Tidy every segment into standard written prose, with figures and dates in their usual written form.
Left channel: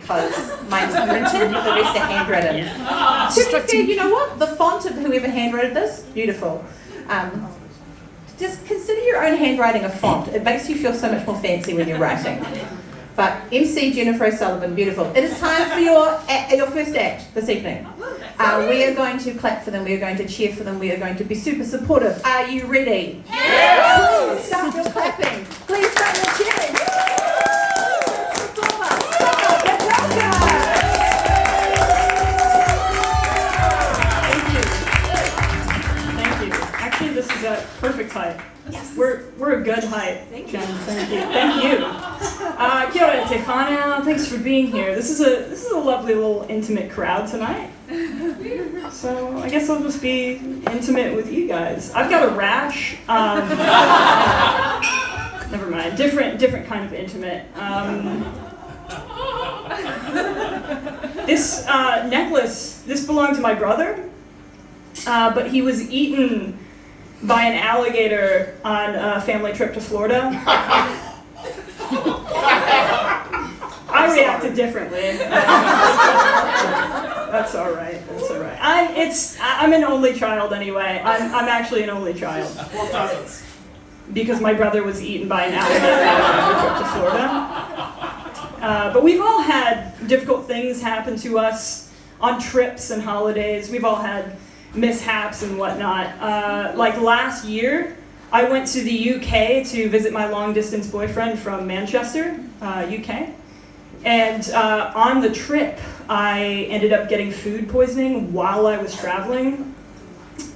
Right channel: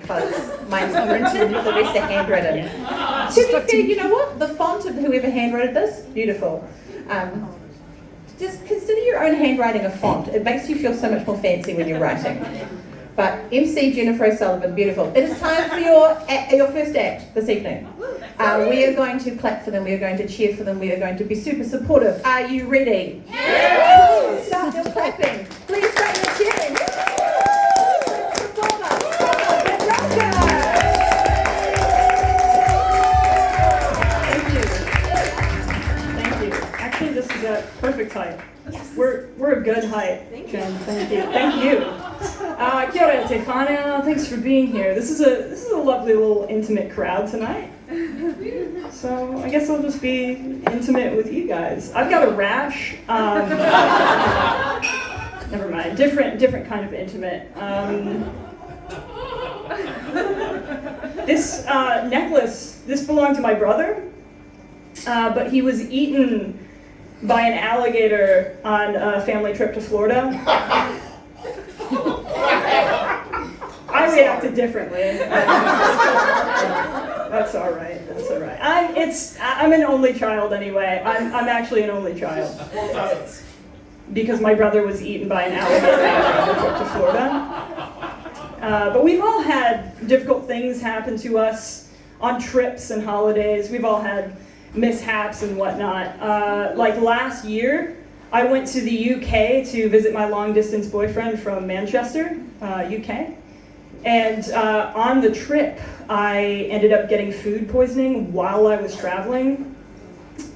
because mine's printed, the rest are handwritten. To be fair, you know what? The font of whoever handwrote this, beautiful. Just consider your own handwriting a font. It makes you feel so much more fancy when you're writing. But MC Jennifer O'Sullivan, beautiful. It is time for your first act this evening. We are going to clap for them, we are going to cheer for them, we are going to be super supportive. Are you ready? Yeah! Please start your clapping. Please start your cheering. Begalka. Thank you. Actually, this is a perfect height. Yes. We're a good height. Jen. Thank you. Thank you. Kia ora te whānau. Thanks for being here. This is a lovely little intimate crowd tonight. So I guess I'll just be intimate with you guys. I've got a rash. Never mind. Different kind of intimate. This necklace, this belonged to my brother, but he was eaten by an alligator on a family trip to Florida. I reacted differently. That's all right. That's all right. I'm an only child anyway. I'm actually an only child. Because my brother was eaten by an alligator on a trip to Florida. But we've all had difficult things happen to us on trips and holidays. We've all had mishaps and whatnot. Like last year, I went to the UK to visit my long-distance boyfriend from Manchester, UK. And on the trip, I ended up getting food poisoning while I was traveling.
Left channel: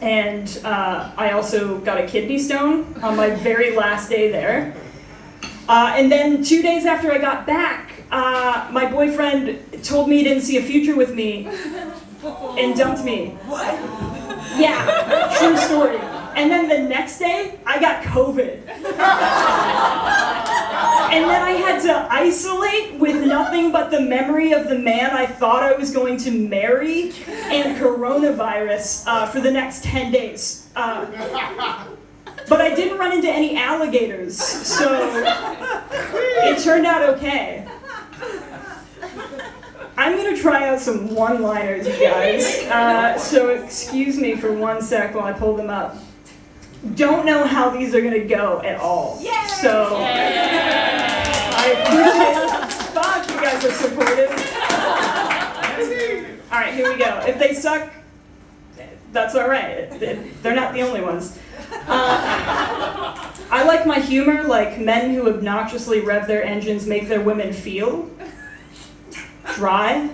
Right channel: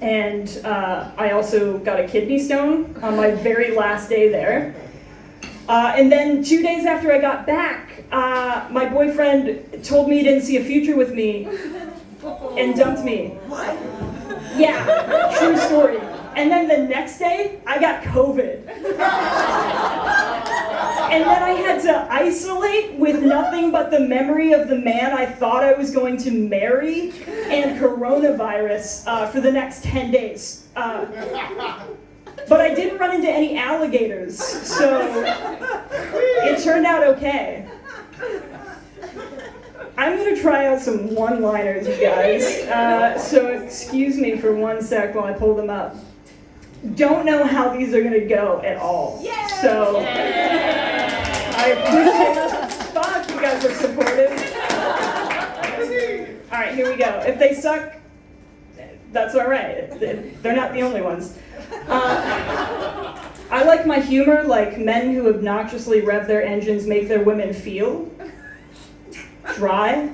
And I also got a kidney stone on my very last day there. And then 2 days after I got back, my boyfriend told me he didn't see a future with me and dumped me. What? Yeah, true story. And then the next day, I got COVID. And then I had to isolate with nothing but the memory of the man I thought I was going to marry and coronavirus for the next 10 days. But I didn't run into any alligators, so it turned out okay. I'm gonna try out some one-liners, you guys. So excuse me for 1 sec while I pull them up. Don't know how these are gonna go at all. Yay! So I appreciate it. Fuck, you guys are supportive. All right, here we go. If they suck, that's all right. They're not the only ones. I like my humor like men who obnoxiously rev their engines make their women feel. Dry.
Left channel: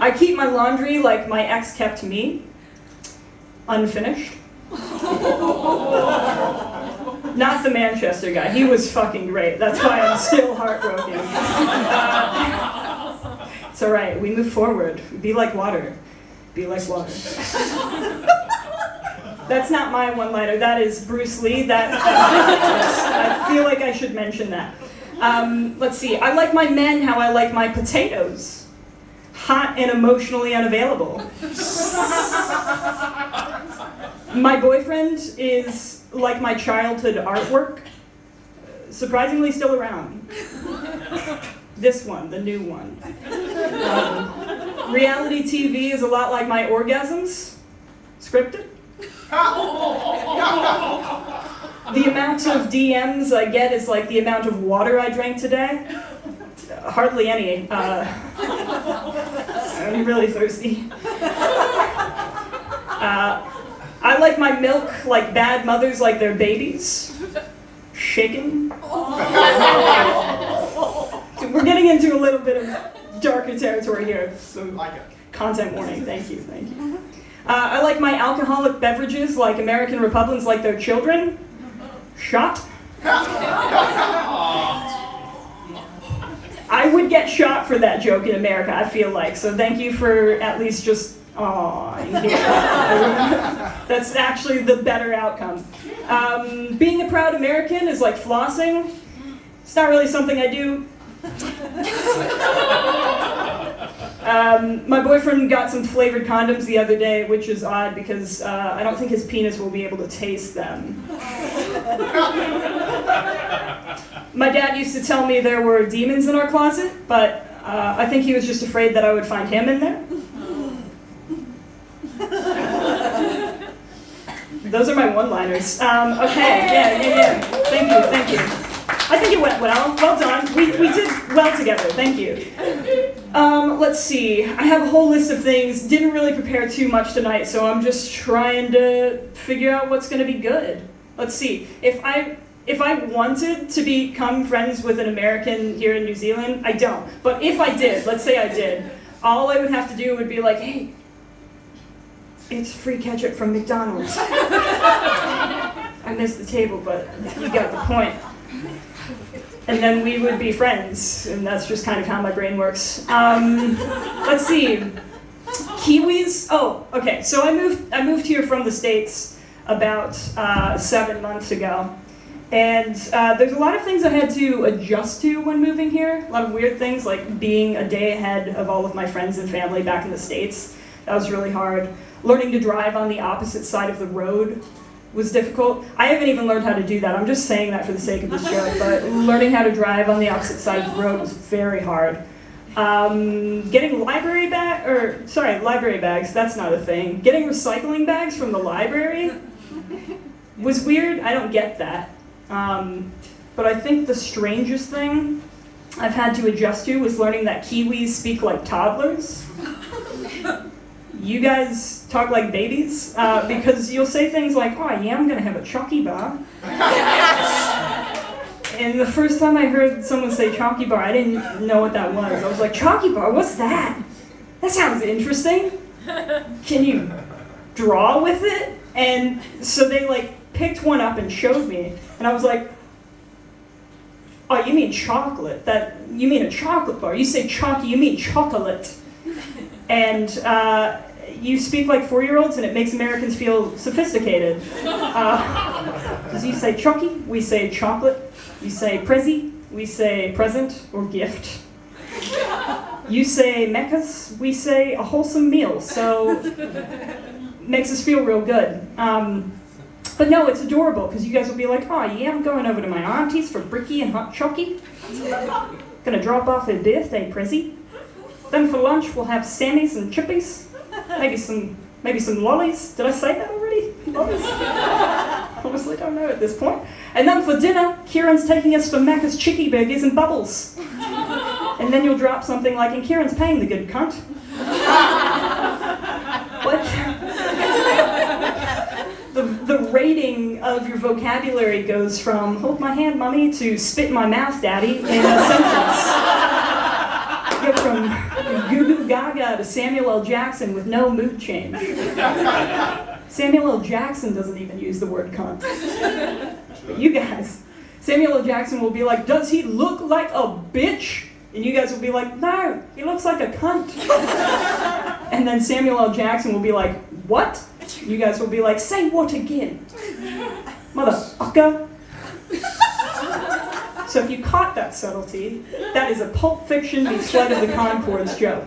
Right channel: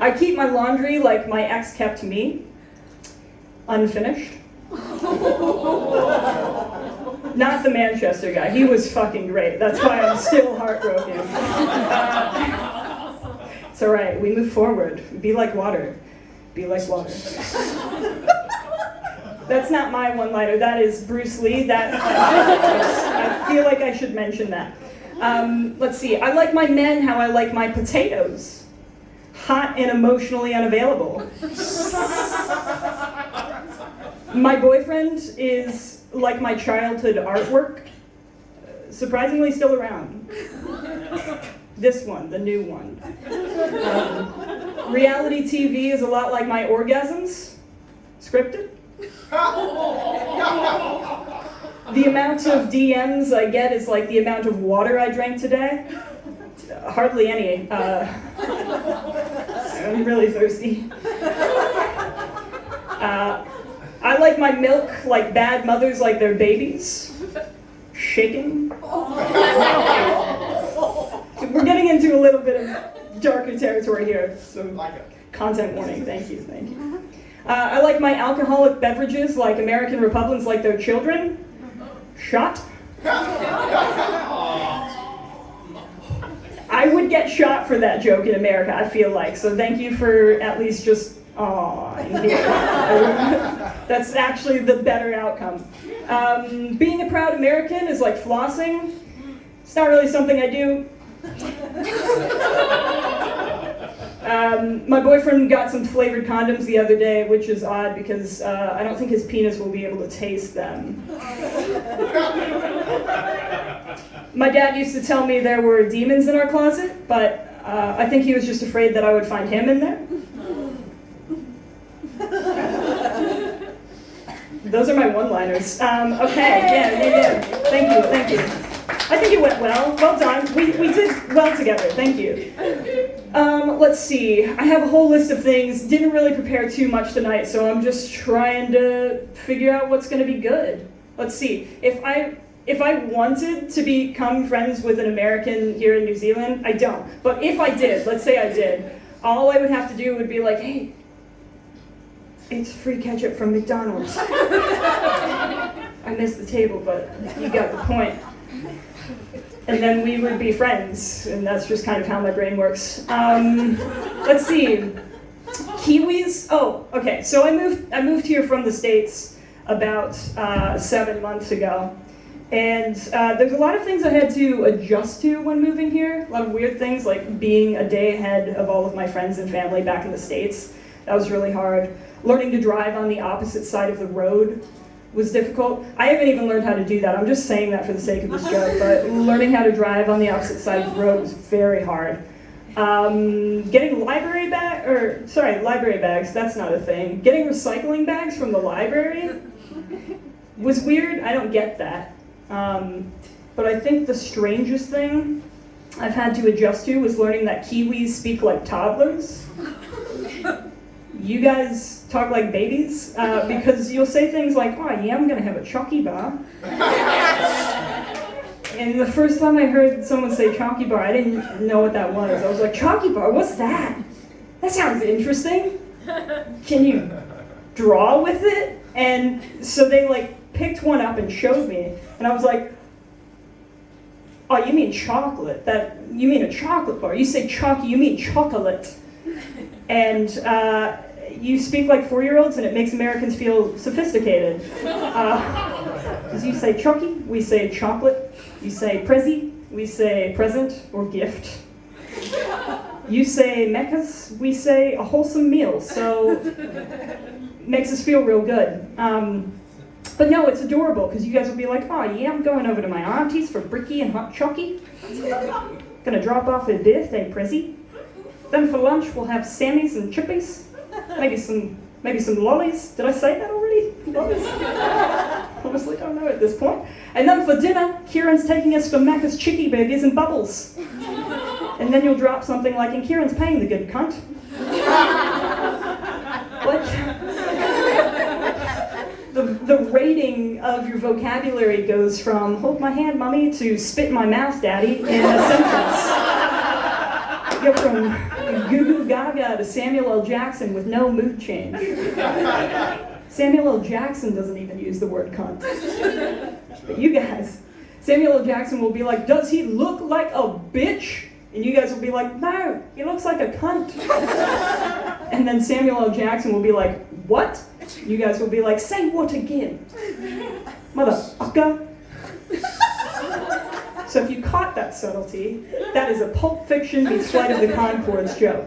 I keep my laundry like my ex kept me. Unfinished. Not the Manchester guy. He was fucking great. That's why I'm still heartbroken. It's all right. We move forward. Be like water. Be like water. That's not my one-liner. That is Bruce Lee. I feel like I should mention that. Let's see. I like my men how I like my potatoes. Hot and emotionally unavailable. My boyfriend is like my childhood artwork. Surprisingly still around. This one, the new one. Reality TV is a lot like my orgasms. Scripted. The amount of DMs I get is like the amount of water I drank today. Hardly any. I'm really thirsty. I like my milk like bad mothers like their babies. Shaken. We're getting into a little bit of darker territory here. So content warning. Thank you. I like my alcoholic beverages like American Republicans like their children. Shot. I would get shot for that joke in America, I feel like. So thank you for at least just, that's actually the better outcome. Being a proud American is like flossing. It's not really something I do. My boyfriend got some flavored condoms the other day, which is odd because I don't think his penis will be able to taste them. My dad used to tell me there were demons in our closet, but I think he was just afraid that I would find him in there. Those are my one-liners. Okay, yeah. Thank you. I think it went well. Well done. We did well together. Thank you. Let's see. I have a whole list of things. Didn't really prepare too much tonight, so I'm just trying to figure out what's going to be good. Let's see. If I wanted to become friends with an American here in New Zealand, I don't. But if I did, let's say I did, all I would have to do would be like, hey, it's free ketchup from McDonald's. I missed the table, but you got the point. And then we would be friends, and that's just kind of how my brain works. Let's see. Kiwis. Oh, okay. So I moved here from the States about 7 months ago. And there's a lot of things I had to adjust to when moving here. A lot of weird things, like being a day ahead of all of my friends and family back in the States. That was really hard. Learning to drive on the opposite side of the road was difficult. I haven't even learned how to do that. I'm just saying that for the sake of this joke, but learning how to drive on the opposite side of the road was very hard. Getting library bags, that's not a thing. Getting recycling bags from the library was weird. I don't get that. But I think the strangest thing I've had to adjust to was learning that Kiwis speak like toddlers. You guys talk like babies, because you'll say things like, oh yeah, I'm gonna have a chalky bar. And the first time I heard someone say chalky bar, I didn't know what that was. I was like, chalky bar, what's that? That sounds interesting. Can you draw with it? And so they picked one up and showed me, and I was like, oh, you mean chocolate? You mean a chocolate bar? You say chalky, you mean chocolate. And you speak like 4-year-olds, and it makes Americans feel sophisticated. Because you say chalky, we say chocolate. You say prezi, we say present or gift. You say mekas, we say a wholesome meal. So makes us feel real good. But no, it's adorable, because you guys will be like, oh yeah, I'm going over to my auntie's for bricky and hot chocky. Gonna drop off a birthday prezi. Then for lunch we'll have Sammys and chippies. Maybe some lollies. Did I say that already? Lollies? Honestly, don't know at this point. And then for dinner, Kieran's taking us for Macca's Chicky Burgers and Bubbles. And then you'll drop something like, and Kieran's paying the good cunt. What? The rating of your vocabulary goes from, hold my hand, mummy, to spit in my mouth, daddy, in a sentence. You go from Goo Goo Gaga to Samuel L. Jackson with no mood change. Samuel L. Jackson doesn't even use the word cunt. But you guys, Samuel L. Jackson will be like, does he look like a bitch? And you guys will be like, no, he looks like a cunt. And then Samuel L. Jackson will be like, what? You guys will be like, say what again? Motherfucker. So if you caught that subtlety, that is a Pulp Fiction meets Flight of the Conchords joke.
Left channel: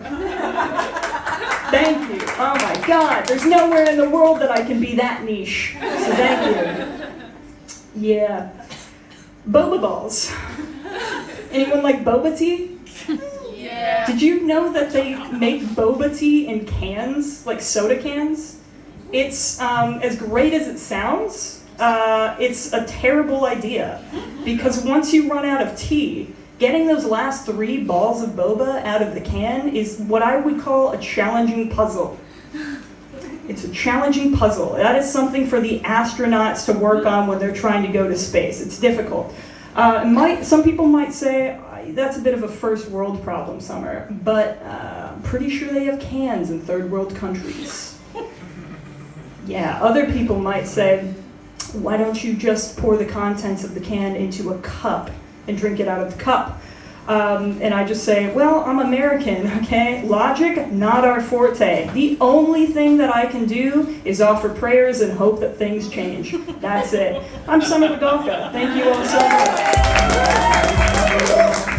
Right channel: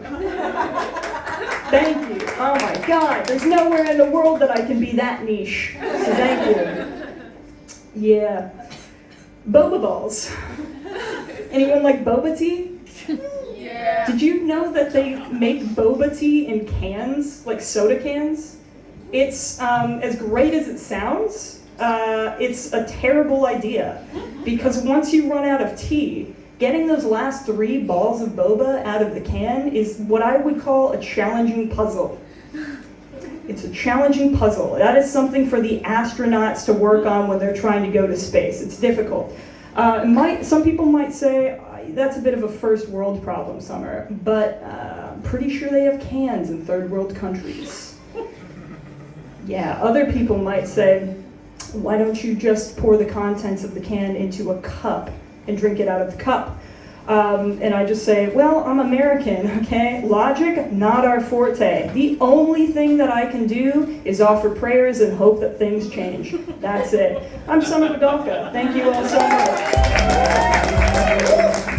Thank you. Oh my God, there's nowhere in the world that I can be that niche. So thank you. Yeah. Boba balls. Anyone like boba tea? Yeah. Did you know that they make boba tea in cans, like soda cans? It's as great as it sounds. It's a terrible idea, because once you run out of tea, getting those last 3 balls of boba out of the can is what I would call a challenging puzzle. It's a challenging puzzle. That is something for the astronauts to work on when they're trying to go to space. It's difficult. Some people might say, that's a bit of a first world problem, Summer, but I'm pretty sure they have cans in third world countries. Yeah, other people might say, why don't you just pour the contents of the can into a cup and drink it out of the cup? And I just say, well, I'm American, okay? Logic, not our forte. The only thing that I can do is offer prayers and hope that things change. That's it. I'm Summer Begalka. Thank you all so much.